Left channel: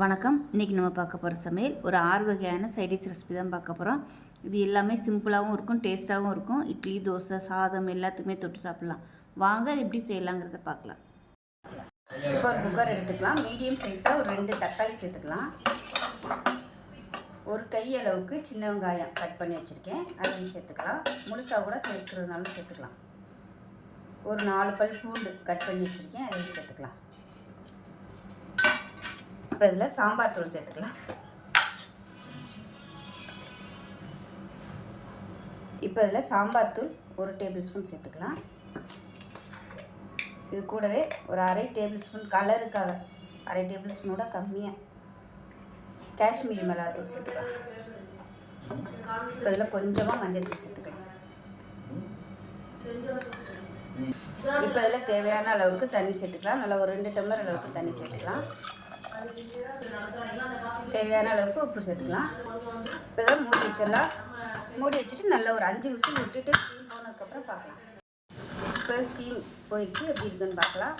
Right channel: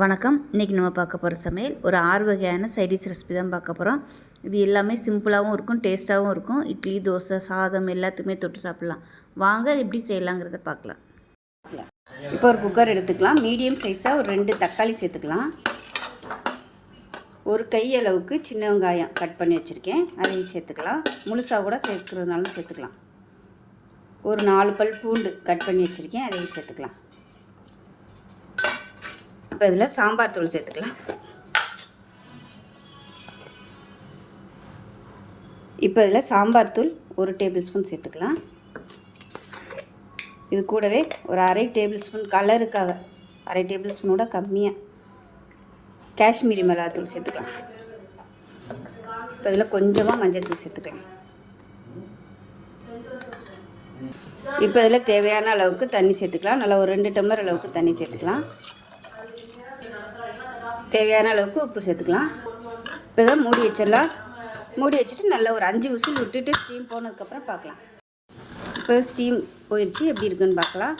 வணக்கம். இன்றைக்கி நம்ம பார்க்க போகிற சமையல் ஒரு 6 வகையான சைடிஷ் ரெசிபி தான் பார்க்க போகிறோம். இது எல்லாமே சிம்பிளாகவும் இருக்கும், டேஸ்ட்டாகவும் இருக்கும். இட்லி, தோசை, சாதம் எல்லாத்துக்குமே தொட்டு சாப்பிட்லாம். வாங்க அது எப்படி செய்யலாங்கிறத பார்க்கலாம். இப்போ ஒரு குக்கர் எடுத்துக்கலாம். மீடியம் சைஸாக ஒரு 2 தக்காளி சேர்த்துக்கலாம். ஒரு கை அளவுக்கு சின்ன வெங்காயம் கட் பண்ணி வச்சுருக்கேன், அதையும் சேர்த்துக்கலாம். முழுசாக கூட சேர்த்துக்கிறதுனாலும் சேர்த்துக்கலாம். ஒரு 4 பல் பூண்டு கட் பண்ணி வச்சுருக்கேன், அதையும் சேர்த்துக்கலாம். இப்போ இதில் சாம்பார் தூள் சேர்த்துக்கலாம். இப்போ இதில் சாம்பார் தூள் 1 டேபிள் ஸ்பூன் சேர்த்துக்கலாம். இது கூடவே ஒரு 1/2 டேபிள் ஸ்பூன் கலருக்காக 1/2 டேபிள் ஸ்பூனோட கம்மியாக காஷ்மீரி மிளகாத்தூள் சேர்த்துக்கலாம். இப்போ இதில் கொஞ்சமாக மஞ்சள் தூள் சேர்த்துக்கலாம். இப்போ இதில் தேவையான அளவுக்கு தண்ணி சேர்த்துக்கலாம். நல்லா ஒரு 2 டம்ளர் அளவுக்கு தண்ணி சேர்த்துக்கலாம். தேவையான அளவுக்கு உப்பு சேர்த்துக்கலாம். இப்போ தான் மூடி வச்சிடலாம். மூடி வச்சுட்டு நல்லா ஒரு 5 விசில் விட்டுட்டு ஸ்டீம் போனதுக்கப்புறம் பார்க்கலாம். இப்போ ஸ்டீம் போயிடுச்சு, எப்படி இருக்குன்னு பார்க்கலாம்.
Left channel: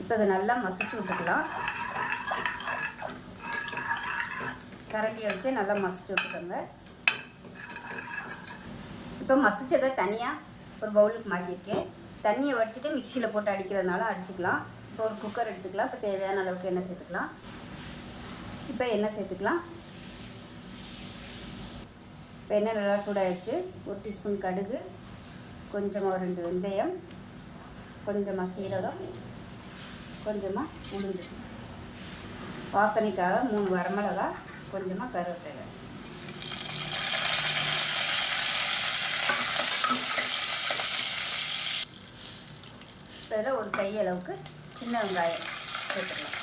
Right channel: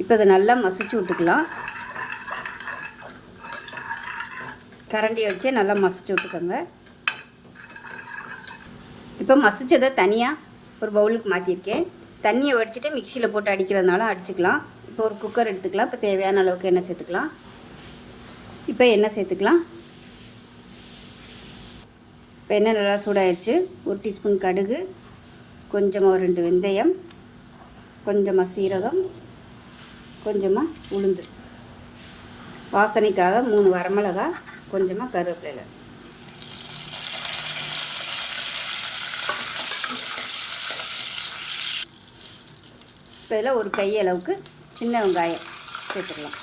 இப்போ இதை நல்லா மசிச்சு விட்டுக்கலாம். கரண்டியை வச்சு நல்லா மசிச்சு விட்டுக்கோங்க. இப்போ மசிச்சதை தனியாக ஒரு பவுலுக்கு மாற்றிருக்கேன். தண்ணியை வடிச்சிட்டு மிக்சியில் போட்டு அடிக்கிறதுனால அடிச்சுக்கலாம். இப்போ ஒரு குக்கர் எடுத்துக்கலாம். இப்போ தேவையான அளவுக்கு எண்ணெய் சேர்த்துக்கலாம். இப்போ எண்ணெய் சேர்த்துக்கலாம். இப்போ எண்ணெய் நல்லா சூடாகிடுச்சு. 1 டீஸ்பூன் கடுகு, கொஞ்சமாக ஒரு 2 வெந்தயம், கொஞ்சமாக சீரகம், கொஞ்சமாக உளுந்து, வாசனைக்காக 3 வரமிளகாய், கொஞ்சமாக கருவேப்பிலை. இப்போ இதில் ஒரு கை அளவுக்கு சின்ன வெங்காயம் சேர்த்துக்கலாம்.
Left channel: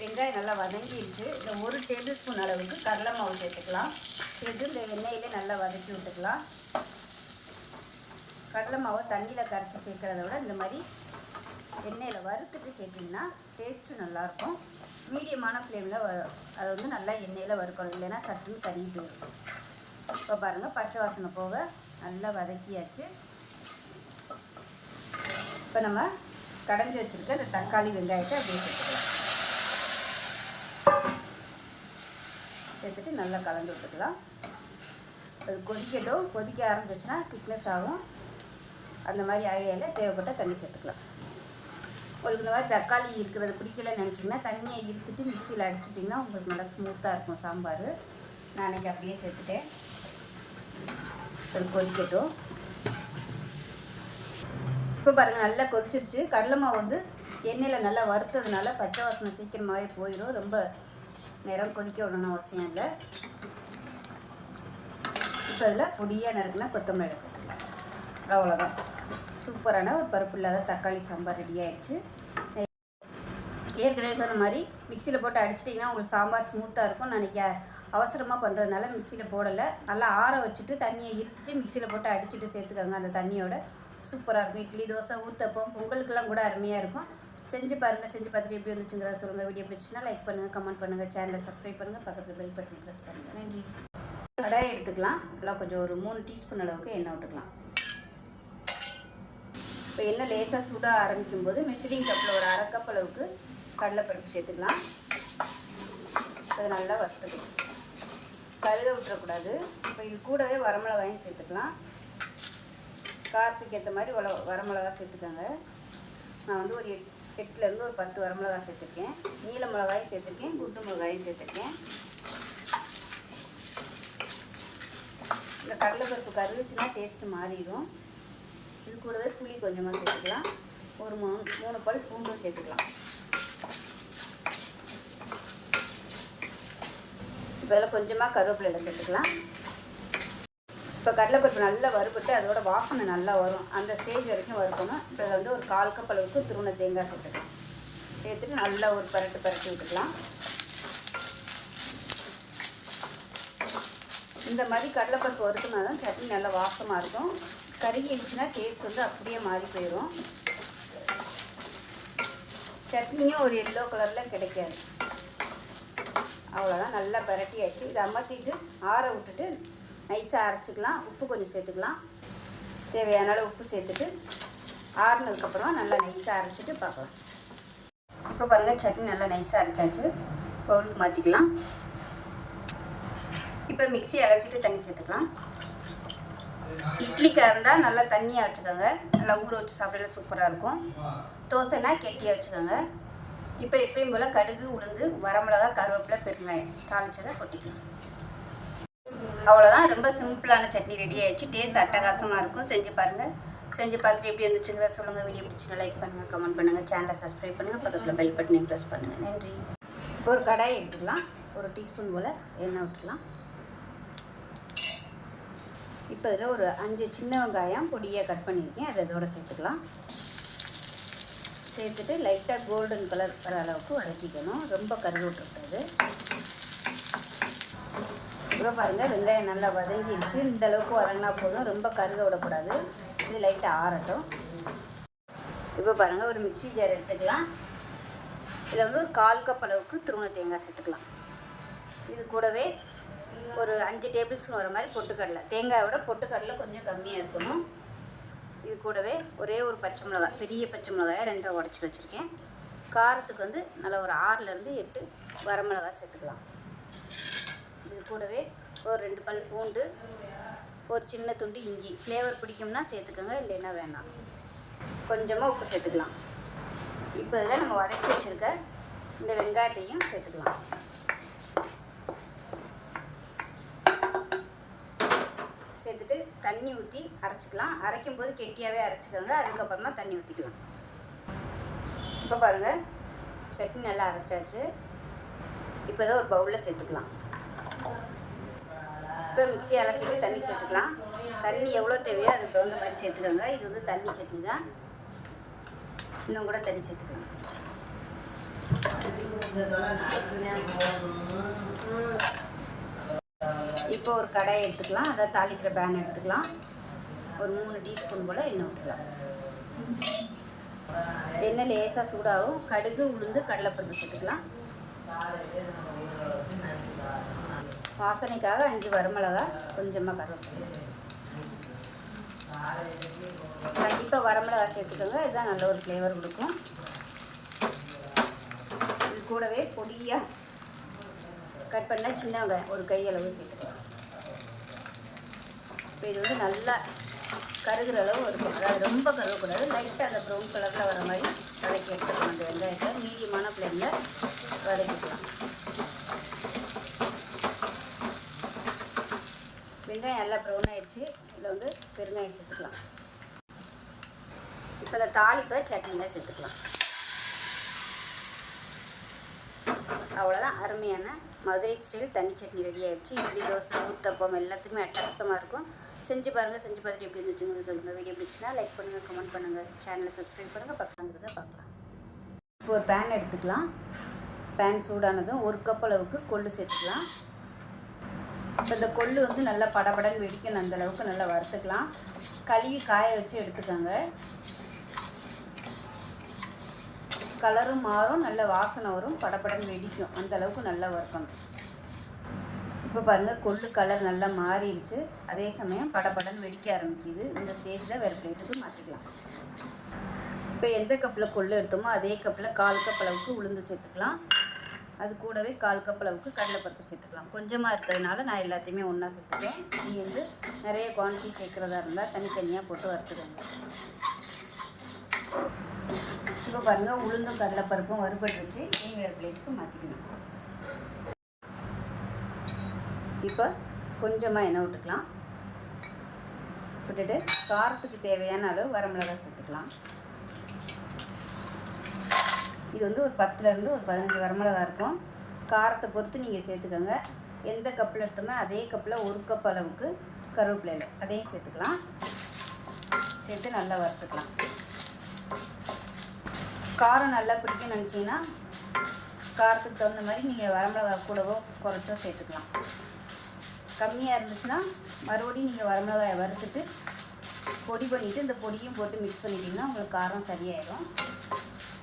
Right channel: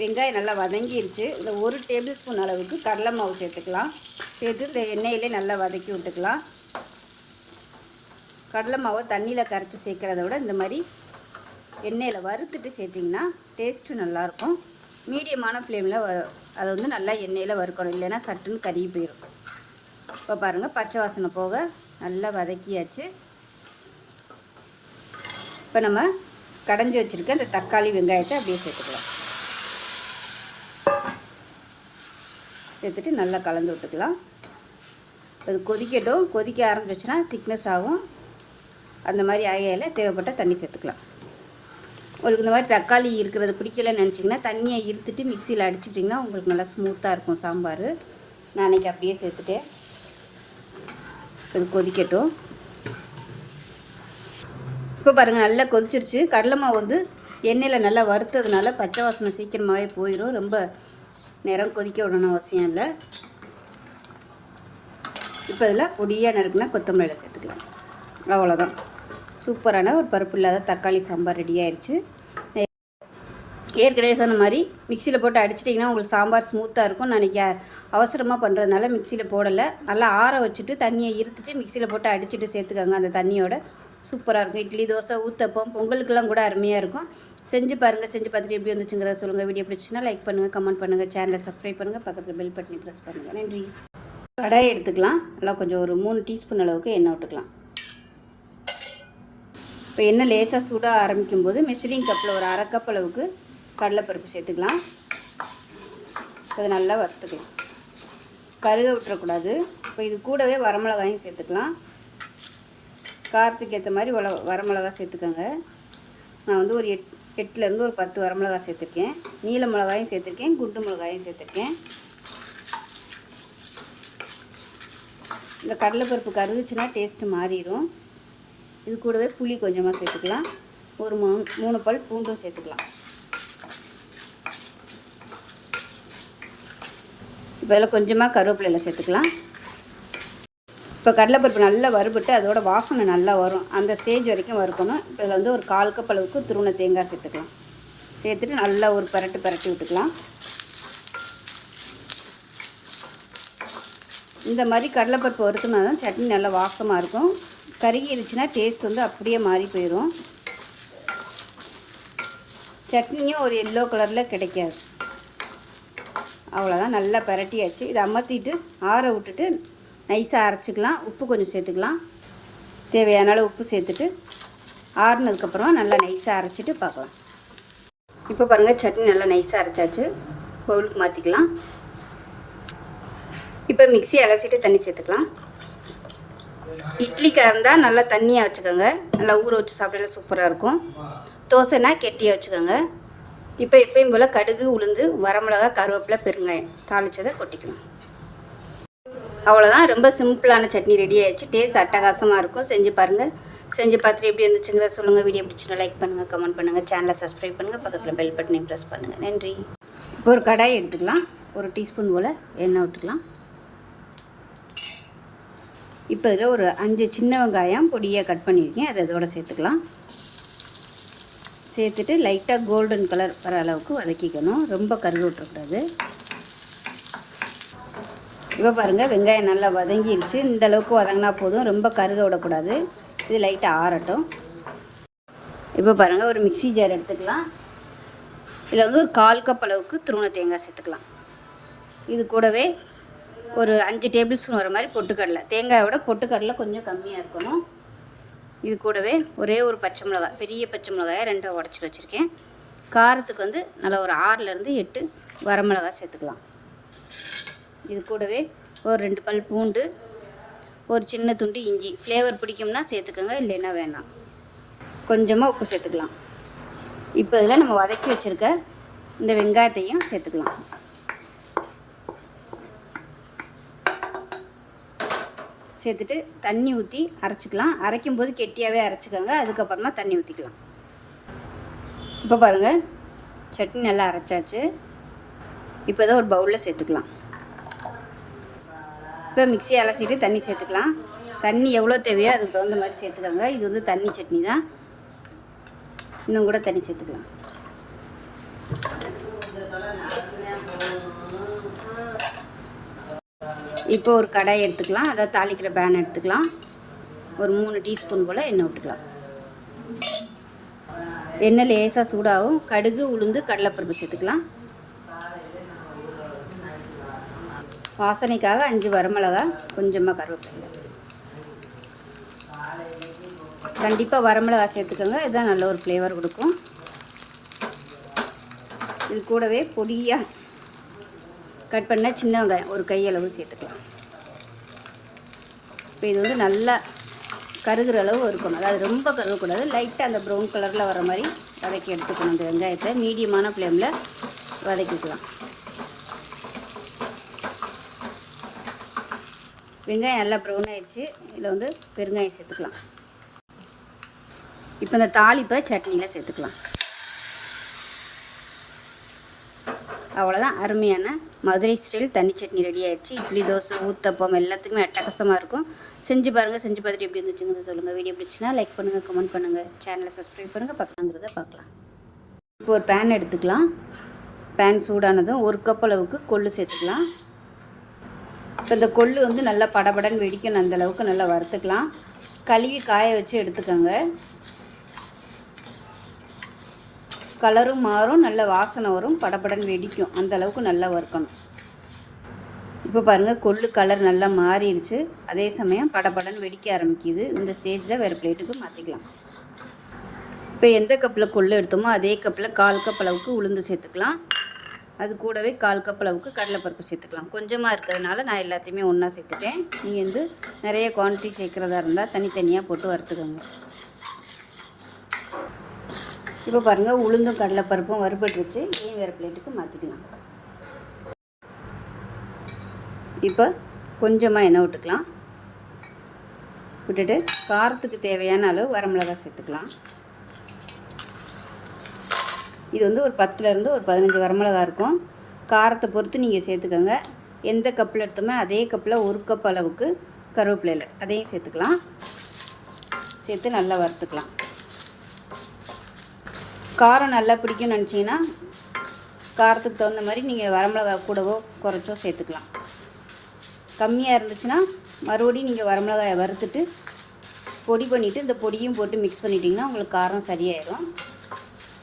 வெங்காயம் நல்லா வதங்கிடுச்சு. இதில் 1 டேபிள் ஸ்பூன் அளவுக்கு கடலை மாவு சேர்த்துக்கலாம். சேர்த்து இந்த எண்ணெயிலே நல்லா வதக்கி விட்டுக்கலாம். கடலை மாவை தண்ணியில் கரைச்சி சேர்க்குறத விட இந்த மாதிரி எண்ணெயில் வறுத்துட்டு சேர்த்திங்கன்னா டேஸ்ட்டு நல்லாயிருக்கும். மீடியமான ஃப்ளேமில் அதை நல்லா எண்ணெயில் வறுக்கணும், இல்லைன்னா சட்டுன்னு கருகி போயிடும். இப்போ பாருங்கள், பச்சை வாசனை போக நல்லா வதக்கியாச்சு. இப்போ நம்ம கடைஞ்சி வச்சுருக்க இந்த தக்காளி வெங்காயத்தை அப்படியே சேர்த்துக்கலாம். சேர்த்துட்டு நல்லா கலந்து விட்டுக்கலாம். அது கொதிக்கட்டும். கொதிக்க ஆரம்பிச்சிச்சுன்னா திக்னஸ் ஆகும். அந்த மாதிரி ஆகையில் தேவைப்பட்ட தண்ணி சேர்த்துக்கலாம். உங்களுக்கு இந்த மாதிரி தக்காளி இருக்கிறது பிடிக்கலன்னு நினச்சிங்கன்னா தண்ணியை இருத்துட்டு மிக்சியில் அடிச்சிட்டிங்கன்னா உங்களுக்கு நல்லா ஸ்மூத்தாக இருக்கும் சாம்பார். நான் அன்றைக்கி அப்படியே சேர்த்துட்டேன். இது கொதிக்கட்டும். இப்போ பாருங்கள், நல்லா கொதிச்சிருச்சு. கடலை மாவு எண்ணெயில் நல்லா வறுத்ததுனால பச்சை வாசனை சீக்கிரமாகவே போயிடும். ரொம்ப நேரம் கொதிக்க விடணும் அவசியம் இல்லை. இப்போ இதில் பொடியாக நறுக்குனா கொத்தமல்லியில் சேர்த்துக்கலாம். அவ்வளோதான், சூப்பரான ஒரு பருப்பு இல்லாத தக்காளி சாம்பார் ரெடி ஆயிடுச்சு. ஏற்கனவே சொன்ன மாதிரி மிக்சியில் போட்டு அடிச்சிட்டிங்கன்னா உங்களுக்கு சாம்பார் ஸ்மூத்தாக இருக்கும். நான் இன்றைக்கி அவசரமாக பண்ணுறதுனால மிக்சியில் போடலை. நல்லா ஆற வச்சுட்டு தண்ணியை இருத்துட்டு மிக்சியில் போட்டு அடிச்சுட்டு சேர்த்துக்கோங்க. அந்த தண்ணியோட சூப்பராக இருக்கும். இட்லி, தோசை, ஊத்தப்பம், பொங்கலுக்கெல்லாம் கூட அருமையாக இருக்கும். செஞ்சு பாருங்கள். செஞ்சு பார்த்துட்டு எப்படி வந்துச்சுங்கிறத சொல்லுங்கள். வீடியோ பிடிச்சின்னா லைக் பண்ணுங்கள், கமெண்ட் பண்ணுங்கள், சேனலை சப்ஸ்கிரைப் பண்ணுங்கள், பக்கத்தில் பெல் பட்டனை ப்ரெஸ் பண்ணுங்கள். நன்றி. கடாயை எடுத்துக்கலாம். நல்லா கொஞ்சம் ஒரு 3 டீஸ்பூன் அளவுக்கு எண்ணெய் விட்டுக்கலாம். இப்போ எண்ணெய் லேசாக சூடாக ஆரம்பிக்கும் போது மெஷரிங் கப்பில் ஒரு 1/2 கப் அளவுக்கு கடலைப்பருப்பு சேர்த்துக்கலாம். அது நல்லா வறுத்துக்கலாம், கருக விட்டுறக்கூடாது. இப்போ இது கூடவே வரமிளகாயும் சேர்த்துக்கலாம். காரத்துக்கு ஏற்ற மாதிரி வரமிளகா சேர்த்துக்கோங்க. நான் ஒரு 8லேருந்து ஒரு 10 வரமிளகா சேர்த்துருக்கேன். நீல மிளகாயும் சேர்த்துருக்கேன், குண்டு மிளகாயும் சேர்த்துருக்கேன். இந்த கடலைப்பருப்பு கருகுச்சுன்னா டேஸ்ட்டு மாறிடும். இது கூடவே புளி கொஞ்சமாக சேர்த்துக்கலாம். ஒரு 3 பல் பூண்டும் சேர்த்துக்கலாம். இப்போ இதில் கொஞ்சமாக கருவேப்பிலையில் சேர்த்துக்கலாம். இப்போ கடலைப்பருப்பு நல்லா வறுபட்டு அதோட வாசனை நல்லா வரும். அந்த ஸ்டேஜ் வரைக்கும் வறுக்கணும். இப்போ இதில் ஒரு 1/4 கப் அளவுக்கு துருவன தேங்காய் சேர்த்துக்கலாம். சேர்த்துட்டு நல்லா ஒரு பரட்டி விட்டுக்கலாம். இந்த மாதிரி கடலைப்பருப்பு வறுக்கணும்னா தான் சட்னி நல்லா வாசமாக இருக்கும். கருகிருச்சுன்னா டேஸ்ட் அப்படியே மாறி போயிடும். சட்னியும் ஒரு எல்லோ கலரில் கிடைக்காது. அவ்வளோதான், நல்லா பரட்டியாச்சு. இதை அமர்த்திட்டு ஆற விட்டுட்டு நைஸாக அரைச்சிக்கலாம். உப்பு கொஞ்சம் சேர்த்துக்கலாம். தேவையான அளவு உப்பு சேர்த்துட்டு ஆறுனதுக்கப்புறம் நல்லா நைஸாக அரைச்சிட்டு பார்க்கலாம். இப்போ பாருங்கள், சட்னி நல்லா நைஸாக அரைச்சாச்சு. பவுலுக்கு மாற்றிக்கலாம். இப்போ மிக்ஸி அலசிட்டு தண்ணி சேர்த்துக்கலாம். இட்லிக்காக இருந்தால் நல்லா தண்ணியாக வச்சுக்கோங்க. நல்லா ஊற வச்சு சாப்பிடல சூப்பராக இருக்கும். தோசைனா கெட்டியாக வச்சுக்கோங்க. இப்போ எப்பயும் போல் கடுகு, உளுந்து, வரமிளகா, கருவேப்பிலை, பெருங்காயம் தாளிச்சதை கொட்டிக்கலாம். அவ்வளோதான், ரொம்ப சிம்பிளான சட்னி ரெடி ஆகிடுச்சு. டேஸ்ட் அட்டகாசமாக இருக்கும். செஞ்சு பாருங்கள். செஞ்சு பார்த்துட்டு எப்படி இருந்துச்சுங்கிறத சொல்லுங்கள். வீடியோ பிடிச்சினா லைக் பண்ணுங்கள், கமெண்ட் பண்ணுங்கள், சேனலை சப்ஸ்கிரைப் பண்ணுங்கள், பக்கத்தில் பெல் பட்டனையும் ப்ரெஸ் பண்ணுங்கள். நன்றி. இப்போ ஒரு கடாய் எடுத்துக்கலாம். ஒரு டீஸ்பூன் போல் எண்ணெய் விட்டுக்கலாம். இப்போ இதில் ஒரு 5 சின்ன வெங்காயம் பொடியாக கட் பண்ணியிருக்கேன். அதை இதோட சேர்த்துக்கலாம். சேர்த்துட்டு லைட்டாக கோல்டன் கலர் வர அளவுக்கு வதக்கிக்கணும். ரொம்ப கருக விட்டுறக்கூடாது. இப்போ பாருங்கள், வெங்காயம் நல்லா வதங்கிடுச்சு. இந்த அளவுக்கு வதங்கினா போதும், ரொம்ப கருக விடக்கூடாது. இது லைட்டாக ஆறட்டும். இப்போ பாருங்கள், ஒரு மிக்ஸி ஜார் எடுத்துக்கலாம். இதில் வந்து ஒரு 1/4 கப் அளவுக்கு துருவன தேங்காய் சேர்த்துக்கலாம். இது கூடவே ஒரு 5 டேபிள் ஸ்பூன் வர மாதிரி பொட்டுக்கடலை. தேங்காயோட பொட்டுக்கடலை கொஞ்சம் கம்மியாக இருக்கணும். இது கூடவே ஒரே ஒரு பச்சை மிளகாய், பெரிய பச்சை மிளகாயை 2 உடச்சிட்டு வச்சுருக்கேன். காரத்துக்கு வந்து நல்லா ஒரு 6லேருந்து 8 வரமிளகாய் சேர்த்துக்கலாம். இது கூடவே ஒரு 2 பல் பூண்டு, ஒரு சின்ன துண்டு இஞ்சி. ஃப்ளேவர் பிடிக்கும்னா சேர்த்துக்கோங்க, இல்லைன்னா வேணாம். கொஞ்சமாக உப்பு சேர்த்துக்கலாம். இப்போ இதில் நம்ம வதக்கி வச்சுருக்க இந்த வெங்காயத்தையும் சேர்த்துக்கலாம். சேர்த்துட்டு தண்ணி ஊற்றி அரைச்சிக்கலாம். அரைக்கும் போது கெட்டியாகவே அரைச்சிக்கோங்க. அதுக்கப்புறமா தண்ணி ஊற்றிக்கலாம். இப்போ பாருங்கள், சட்னி நல்லா அரைச்சாச்சு. இப்போ இதை ஒரு பவுலில் சேர்த்துக்கலாம். இப்போ மிக்ஸி அலசிட்டு தண்ணி சேர்த்துக்கலாம். தண்ணி எவ்வளோ தேவையோ அதுக்கு தகுந்த மாதிரி சேர்த்துக்கோங்க. இது வந்து தண்ணி சட்னி தான். இன்னும் கூட தண்ணி சேர்த்துக்கலாம். இப்போ ஒரு கடாய் எடுத்துக்கலாம். அதை தாளிக்கிற பேன் எடுத்துக்கலாம். ஒரு 3 டீஸ்பூன் போல் எண்ணெய் விட்டுக்கலாம். எண்ணெய் லேசாக சூடாகும். கடுகு, உளுந்து, கடலைப்பருப்பு சேர்த்துக்கலாம். வாசனைக்காக 5 வரமிளகா, கொஞ்சமாக கருவேப்பிலை. கண்டிப்பாக வரமிளகா சேர்த்துக்கோங்க. இதுதான் நல்ல ஒரு ஃப்ளேவர் கொடுக்கும். இது கூடவே பொடியாக கட் பண்ண சின்ன வெங்காயம் ஒரு கையளவு சேர்த்துக்கலாம். இப்போ இது வந்து நல்லா கருகிற அளவு இருக்கணும். அது ரொம்ப கருகக்கூடாது. லைட்டாக அந்த ப்ரௌன் கலரில் வர மாதிரி வதக்கி எடுத்துக்கணும். இந்த வெங்காயத்தை மீடியமான ஃப்ளேமில் வதக்கிக்கலாம். வெங்காயம் நல்லா ப்ரௌன் ஆகிடுச்சு. இதில் வந்து பெருங்காயம் சேர்த்துக்கலாம். இப்போ இந்த தாளிப்பை சட்னியில் சேர்த்துக்கலாம். அவ்வளோதான், அருமையான மதுரை ஸ்டைல் தண்ணி சட்னி ரெடி ஆகிடுச்சு. இட்லி, தோசை, ஊத்தப்பம் எல்லாத்துக்குமே அட்டகாசமாக இருக்கும். செஞ்சு பாருங்கள். செஞ்சு பார்த்துட்டு எப்படி இருந்துச்சுங்கிறத சொல்லுங்கள். வீடியோ பிடிச்சினா லைக் பண்ணுங்கள், கமெண்ட் பண்ணுங்கள், சேனலை சப்ஸ்கிரைப் பண்ணுங்கள், பக்கங்கிறத பார்க்கலாம். இப்போ ஒரு பேன் எடுத்துக்கலாம். பேன் சூடானதும் 1 கப் அளவுக்கு கொள்ளு சேர்த்துக்கலாம். இப்போ இந்த கொள்ளு வந்து நல்லா படபடன்னு வெடிக்கணும். அந்த அளவுக்கு நல்லா வறுத்துக்கலாம். கழுவி காய வச்சு எடுத்துக்கோங்க. கலரும் மாறும், நல்ல வாசனை வரும், படபடன்னு வெடிக்கும். அந்த அளவுக்கு நல்லா வறுக்கணும். இப்போ பாருங்கள், கொள்ளு கலர் நல்லா மாறிடுச்சு. அதே சமயம் படபடன்னு வெடிக்க ஆரம்பிக்குது. இந்த ஸ்டேஜில் வேறு பிளேட்டுக்கு மாற்றிக்கலாம். இப்போ எந்த கப்பில் கொள்ளு எடுத்தோமோ அதே கப்பில் 1/4 கப் அளவுக்கு உளுந்து சேர்த்துக்கலாம். அது கூடவே 1/4 கப் அளவுக்கு கடலைப்பருப்பு சேர்த்துக்கலாம். கொஞ்சமாக இருக்கிறதுனால நான் எல்லாத்தையுமே ஒன்றா சேர்த்துட்டேன். நீங்கள் வந்து நிறைய குவான்டிட்டி சேர்க்குறதா இருந்தால் தனித்தனியாக போட்டு வறுத்துக்கோங்க. இப்போ பாருங்கள், உளுந்தும் கடலைப்பருப்பும் வறுபட்டுருச்சு. இதையும் வேறு பிளேட்டுக்கு மாற்றிக்கலாம். இப்போ கொஞ்சமாக எண்ணெய் விட்டுக்கலாம். விட்டுட்டு காரத்துக்கு தேவையான அளவு வரமிளகாய் சேர்த்துக்கலாம். இது வந்து ஒரு 10லேருந்து ஒரு 15 வரமிளகாய் இருக்கும். காரத்தை பொறுத்து நீங்கள் சேர்த்துக்கோங்க. எந்த கப்பில் எடுத்தோமோ அதே கப்பில் 1 கப் அளவுக்கு கருவேப்பிலை அதையும் சேர்த்துக்கலாம். சேர்த்து நல்லா வறுத்துக்கலாம். காரம் நல்லா பிடிக்கும்னு நினச்சிங்கன்னா காரத்துக்கு தகுந்த மாதிரி நீங்கள் வரமிளகாய் கூடவோ குறைச்சோ சேர்த்துக்கலாம். கம்மியாக இருந்துச்சுன்னா மறுபடியும் நீங்கள் வரமிளகாயை வறுத்துட்டு பொடி பண்ணிவிட்டு இந்த பொடியும் போட்டு மிக்ஸ் பண்ணிட்டீங்கன்னா உங்களுக்கு காரம் சரியாயிடும்.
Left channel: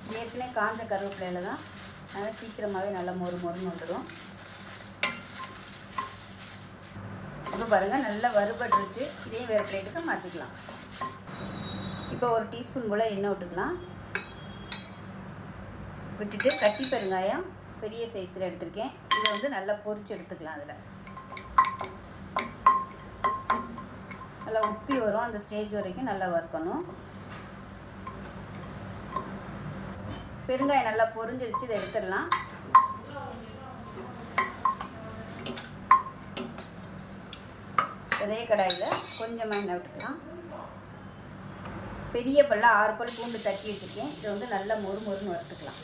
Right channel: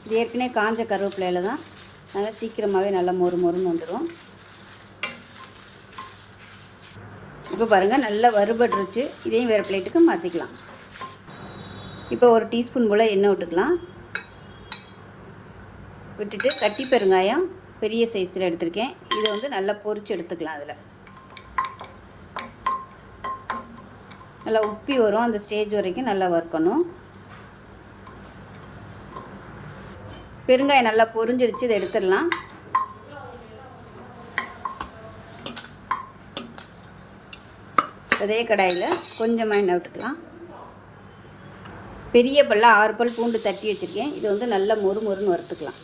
இது ஏற்கனவே காஞ்ச கருவேப்பிலையில் தான் நல்லா சீக்கிரமாகவே நல்லா மொறு மொறுன்னு வந்துடும். இப்போ பாருங்கள், நல்லா வறுபட்டுருச்சு. இதையும் வேறு பிளேட்டுக்கு மாற்றிக்கலாம். இப்போ ஒரு டீஸ்பூன் போல் எண்ணெய் விட்டுக்கலாம். விட்டுட்டு கட்டி பெருங்காயம் பெரிய சைஸில் எடுத்திருக்கேன். இதை வந்து நல்லா பொரிச்சு எடுத்துக்கலாம். அதில் நல்லா உப்பி வரும், அந்த ஸ்டேஜ் வரைக்கும் நல்லா வறுக்கணும். பெருங்காயம் நல்லா பொரிஞ்சிருச்சு, இதை எடுத்துடலாம். அதே கடாயில் கொஞ்சமாக எண்ணெய் விட்டுக்கலாம். பெரிய பல்ல 6 பல் பூண்டு தட்டி வச்சுருக்கேன். இது வந்து நல்லா மொறுமொறுன்னு வறுத்துக்கலாம்.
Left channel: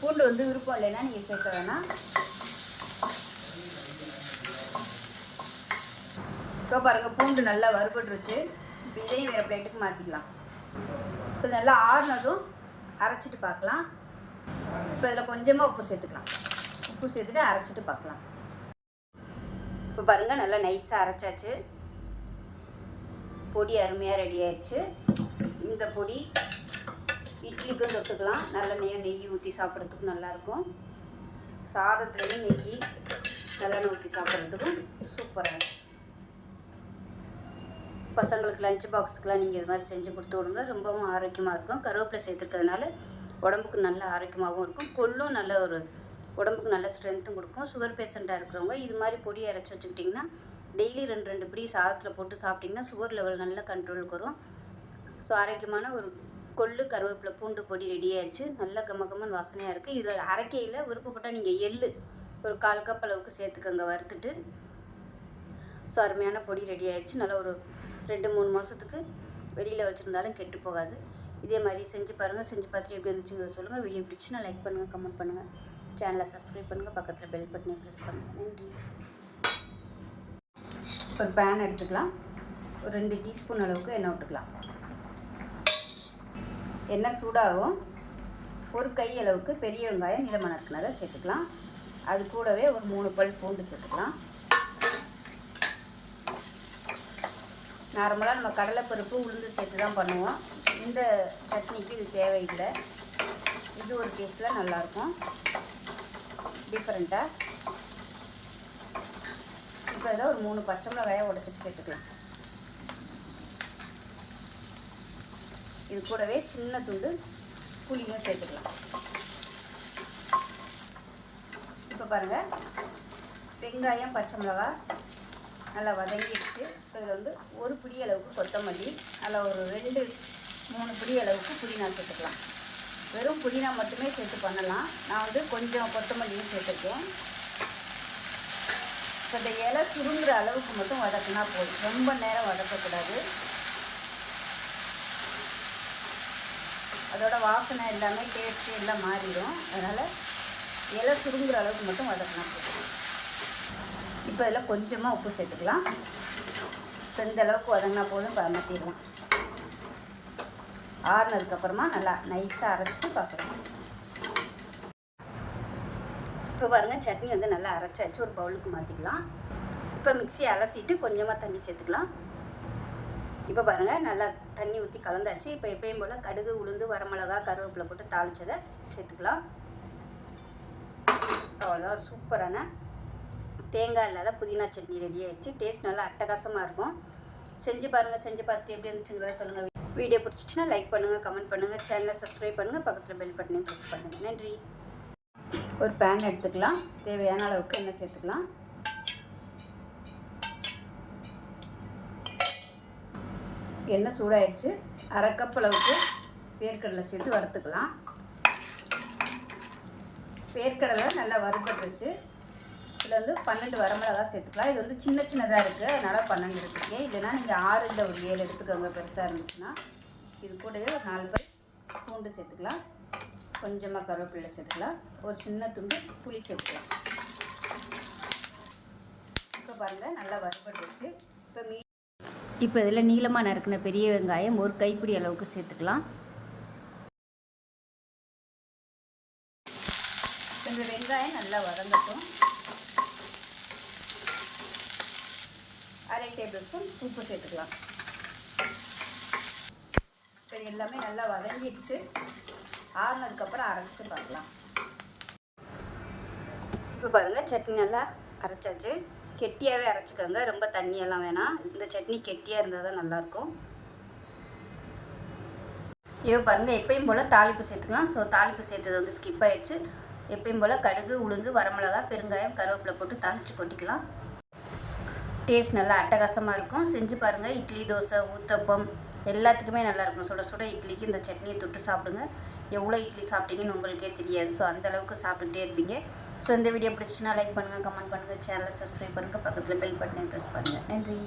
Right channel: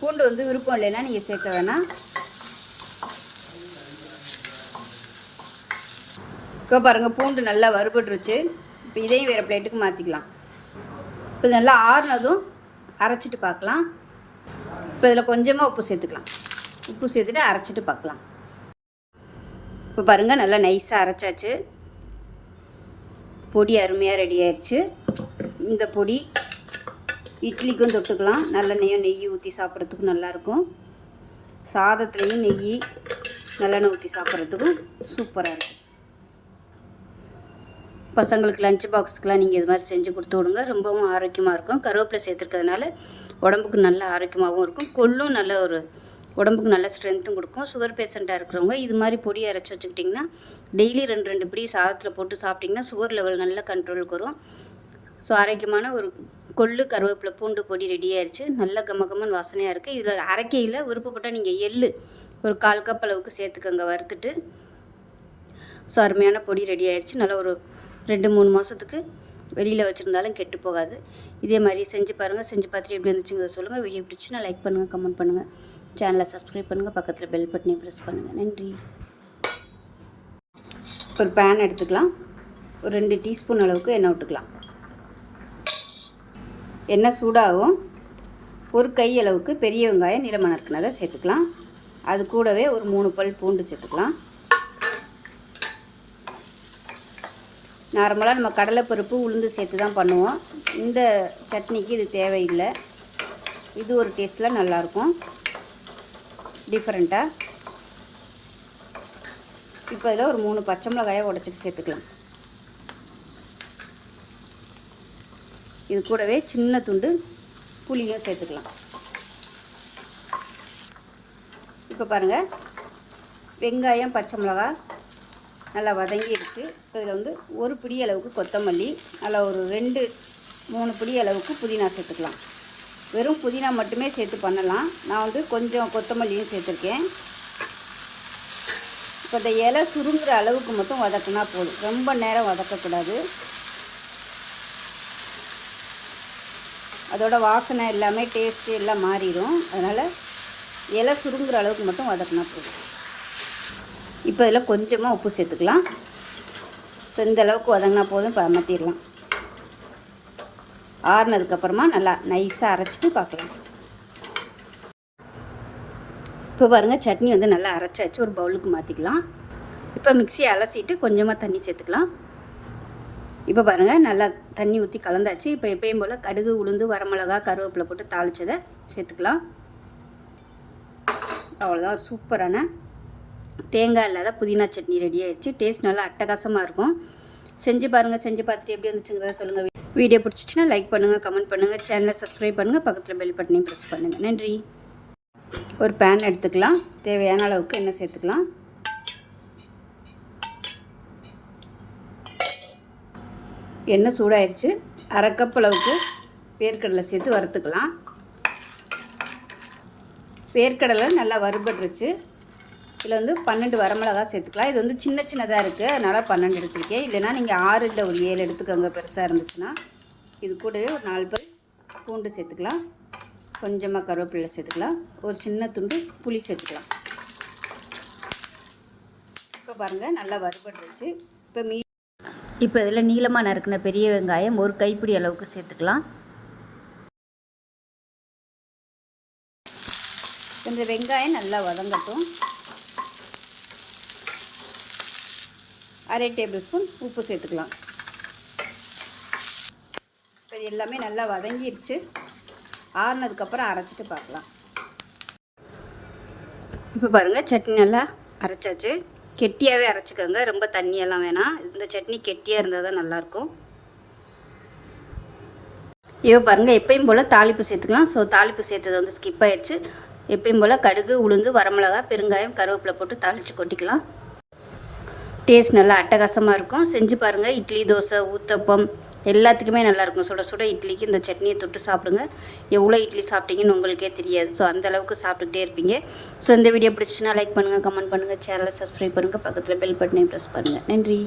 பூண்டு வந்து விருப்பம் இல்லைன்னா நீங்கள் சேர்க்க வேணாம். இப்போ பாருங்கள், பூண்டு நல்லா வறுபட்டுருச்சு. இப்போ இதையும் வேறு பிளேட்டுக்கு மாற்றிக்கலாம். இப்போ நல்லா ஆறுனதும் அரைச்சிட்டு பார்க்கலாம். இப்போ இதில் கொஞ்சமாக உப்பு சேர்த்துக்கலாம். உப்பு சேர்த்துட்டு அரைச்சிட்டு பார்க்கலாம். இப்போ பாருங்கள், நல்லா நைஸாக அரைச்சாச்சு. பொடி அருமையாக ரெடி ஆயிடுச்சு. இந்த பொடி இட்லிக்கும் தொட்டுக்கலாம். நல்லெண்ணெயும் நெய் ஊற்றி சாப்பிட்றதுக்கும் நல்லாயிருக்கும். சாதத்துலேயும் நெய் நல்லெண்ணெய் ஊற்றி சாப்பிட்றதுக்கும் சூப்பராக இருக்கும். பசங்களுக்கு லஞ்ச் பாக்ஸுக்கெலாம் நீங்கள் இது மாதிரி செஞ்சு கொடுத்து விடுங்க. ரொம்பவும் ஆரோக்கியமாக இருக்கும். கருவேப்பிலை சேர்த்துருக்கிறதுனால உடம்புக்கு நல்ல ஆரோக்கியமாகவும் இருக்கும். கொள்ளும் நல்ல ஒரு உடம்புக்கு நல்ல ஸ்ட்ரென்த்தும் கொடுக்கும். சுகர் பேஷண்ட்டாக இருக்கிறவங்க இது மாதிரி பொடி அரைச்சி வச்சுக்கிட்டிங்கன்னா டெய்லி 2 பிடி சாதத்தில் போட்டு சாப்பிட்டிங்கன்னா சுகர் லெவல் நல்ல கண்ட்ரோலுக்கு வரும். ஸோ ஆரோக்கியமான ஒரு கொள்ளு கருவேப்பிலை பூண்டு பொடி ரெடி ஆயிடுச்சு. நல்ல கமகமன்னு வாசனையாக இருக்குது. இதில் அரைக்கையில் விருப்பப்பட்டால் நீங்கள் எள்ளு ஒரு 1/4 கப் அளவுக்கு சேர்த்துக்கங்க வறுத்துட்டு. ஸோ அருமையான பொடி ரெடி ஆயிடுச்சு. நல்லா ஒரு 2-3 மாதத்துக்கு வெளியில் வச்சுருந்தாலும் கெட்டு போகாது. இதே மாதிரி செஞ்சு பாருங்கள். செஞ்சு பார்த்துட்டு எப்படி இருந்துச்சுங்கிறத சொல்லுங்கள். வீடியோ பிடிச்சுன்னா லைக் பண்ணுங்கள், கமெண்ட் பண்ணுங்கள், சேனலை சப்ஸ்கிரைப் பண்ணுங்கள், பக்கத்தில் பெல் பட்டனையும் ப்ரெஸ் பண்ணுங்கள். நன்றி. ஒரு பேன் எடுத்துக்கலாம். ஒரு 2 டீஸ்பூன் அளவுக்கு எண்ணெய் விட்டுக்கலாம். எண்ணெய் சூடாகும். ஒரு கை அளவுக்கு பெரிய வெங்காயம் நீளமாக நறுக்குனதை சேர்த்துக்கலாம். அது கூடவே ஒரு 3 பல் பூண்டு சேர்த்துக்கலாம். நார்மலாக நம்ம கடலைப்பருப்பு உளுந்து சேர்த்து தான் பண்ணுவோம். இந்த சட்னிக்கு இது தேவையில்லை. இது ஒரு டேஸ்ட்டில் நல்லாயிருக்கும், டிஃப்ரெண்ட்டாக. இப்போ இதில் ஒரு 3 பச்சை மிளகாயை உடச்சிட்டு சேர்த்துக்கலாம். இது கூடவே சின்ன துண்டு புளியும் சேர்த்துக்கலாம். இப்போ பாருங்கள், வெங்காயம் பச்சை மிளகா நல்லா வதங்கிடுச்சு. இப்போ இதில் வந்து ஒரு பிடி அளவுக்கு கொத்தமல்லி, நல்லா ஒரு 2-3 பிடி அளவுக்கு புதினா சேர்த்துக்கலாம். வெறும் புதினா மட்டுமே சேர்த்து பண்ணலாம். நான் வந்து கொஞ்சம் கொத்தமல்லியும் சேர்த்துருக்கேன். இப்போ இந்த இலை சுருங்குற அளவுக்கு மட்டும் வதக்கினா போதும். ரொம்ப நேரம் வதக்கக்கூடாது. அதோட வாசனை எல்லாமே டேஸ்ட்டு எல்லாம் மாறிடும். அதனால் இலை சுருங்குற அளவுக்கு மட்டும் வதக்கினா போதும். இப்போ இதில் கொஞ்சமாக உப்பு சேர்த்துக்கலாம். ஸோ இந்த அளவுக்கு வதங்கினா போதும். இப்போ அமர்த்திடலாம். ஆறுனதுக்கப்புறமா நல்லா நைஸாக அரைச்சிட்டு பார்க்கலாம். இப்போ பாருங்கள், சட்னி வந்து நல்லா அரைச்சாச்சு. ஒரு பவுலுக்கு மாற்றிக்கலாம். இப்போ மிக்சியை அலசிட்டு கொஞ்சமாக தண்ணி சேர்த்துக்கலாம். இப்போ பாருங்கள், நல்லா தண்ணி ஊற்றி கலந்தாச்சு. இப்போ எப்பயும் போல் கடுகு உளுந்து வரமிளகா கருவேப்பிலை போட்டு தாளிச்சதை சேர்த்துக்கலாம். அவ்வளோதான், ஒரு சூப்பரான தேங்காய் இல்லாத புதினா சட்னி ரெடி ஆயிடுச்சு. டேஸ்ட் நல்லா அட்டகாசமாக இருக்கும். செஞ்சு பாருங்கள். செஞ்சு பார்த்துட்டு எப்படி இருந்துச்சுங்கிறத சொல்லுங்கள். வீடியோ பிடிச்சிச்சின்னா லைக் பண்ணுங்கள், கமெண்ட் பண்ணுங்கள், சேனலை சப்ஸ்கிரைப் பண்ணுங்கள், பக்கத்தில் பெல் பட்டனையும் ப்ரெஸ் பண்ணுங்கள். நன்றி. ஒரு பேன் எடுத்துக்கலாம். தேவையான அளவுக்கு எண்ணெய் சேர்த்துக்கலாம். எண்ணெய் சூடாயிடுச்சு. 1/2 கப் அளவுக்கு வேர்க்கடலை சேர்த்து வறுத்துக்கலாம். வேர்க்கடலை நல்லா வறுபட்டுருச்சு. இதில் வந்து 12 வரமிளகாய் சேர்த்துக்கலாம். இது வந்து சின்ன சின்னதாக இருக்குது, அதனால் 12 எடுத்துருக்கேன். இல்லைனா நீங்கள் 6 இல்லை ஒரு 7 எடுத்துக்கோங்க பெருசாக இருந்துச்சுன்னா. இது கூடவே ஒரு 4 பல் பூண்டு சேர்த்துக்கலாம். கொஞ்சமாக கருவேப்பிலை சேர்த்துக்கலாம். ஒரு சின்ன துண்டு புளி சேர்த்துக்கலாம். இப்போ பாருங்கள், நல்லா வறுபட்டுருச்சு. இப்போ இதில் நீளமாக நறுக்கின பெரிய வெங்காயம் ஒரு கைப்பிடி அளவுக்கு சேர்த்துக்கலாம். இந்த வெங்காயம் நல்லா வதங்கட்டும். 1/2 டேபிள் ஸ்பூன் உப்பு சேர்த்துக்கலாம். இப்போ இது எல்லாமே நல்லா வதங்கிடுச்சு. ஆறுனதுக்கப்புறம் அரைச்சிட்டு பார்க்கலாம். இப்போ பாருங்கள், சட்னி நல்லா அரைச்சாச்சு. கெட்டியாகவே அரைச்சிக்கோங்க, ரொம்ப தண்ணியெல்லாம் வேணாம். இந்த சட்னி கெட்டியாக இருந்தால் தான் நல்லாயிருக்கும். இப்போ பாருங்கள் எப்பயும் போல் தாளிப்பு சேர்த்துக்கலாம். ஸோ தாளிப்பு சேர்த்தது வந்து ஸ்கிப் ஆயிடுச்சு. எப்பயும் போல் கடுகு, உளுந்து, வரமிளகா, பெருங்காயம், கருவேப்பிலை போட்டு தாளித்து கொட்டிக்கலாம். டேஸ்ட் நல்லா அட்டகாசமாக இருக்கும். செஞ்சு பாருங்கள். இட்லி, தோசை, ஊத்தப்பம் எல்லாத்துக்குமே நல்லாயிருக்கும். சுட சுட இட்லிக்கு இந்த சட்னியை தொட்டு சாப்பிடுங்க. எவ்வளோ இட்லி சாப்பிட்டீங்கன்னு உங்களுக்கே தெரியாது. ஸோ அந்தளவுக்கு சாப்பிட்டுக்கிட்டே இருப்பீங்க. ஸோ இந்த வீடியோ பிடிச்சுன்னா லைக் பண்ணுங்கள், கமெண்ட் பண்ணுங்கள், சேனலை சப்ஸ்கிரைப் பண்ணுங்கள், பக்கத்தில் பெல் பட்டனை ப்ரெஸ் பண்ணுங்கள். நன்றி.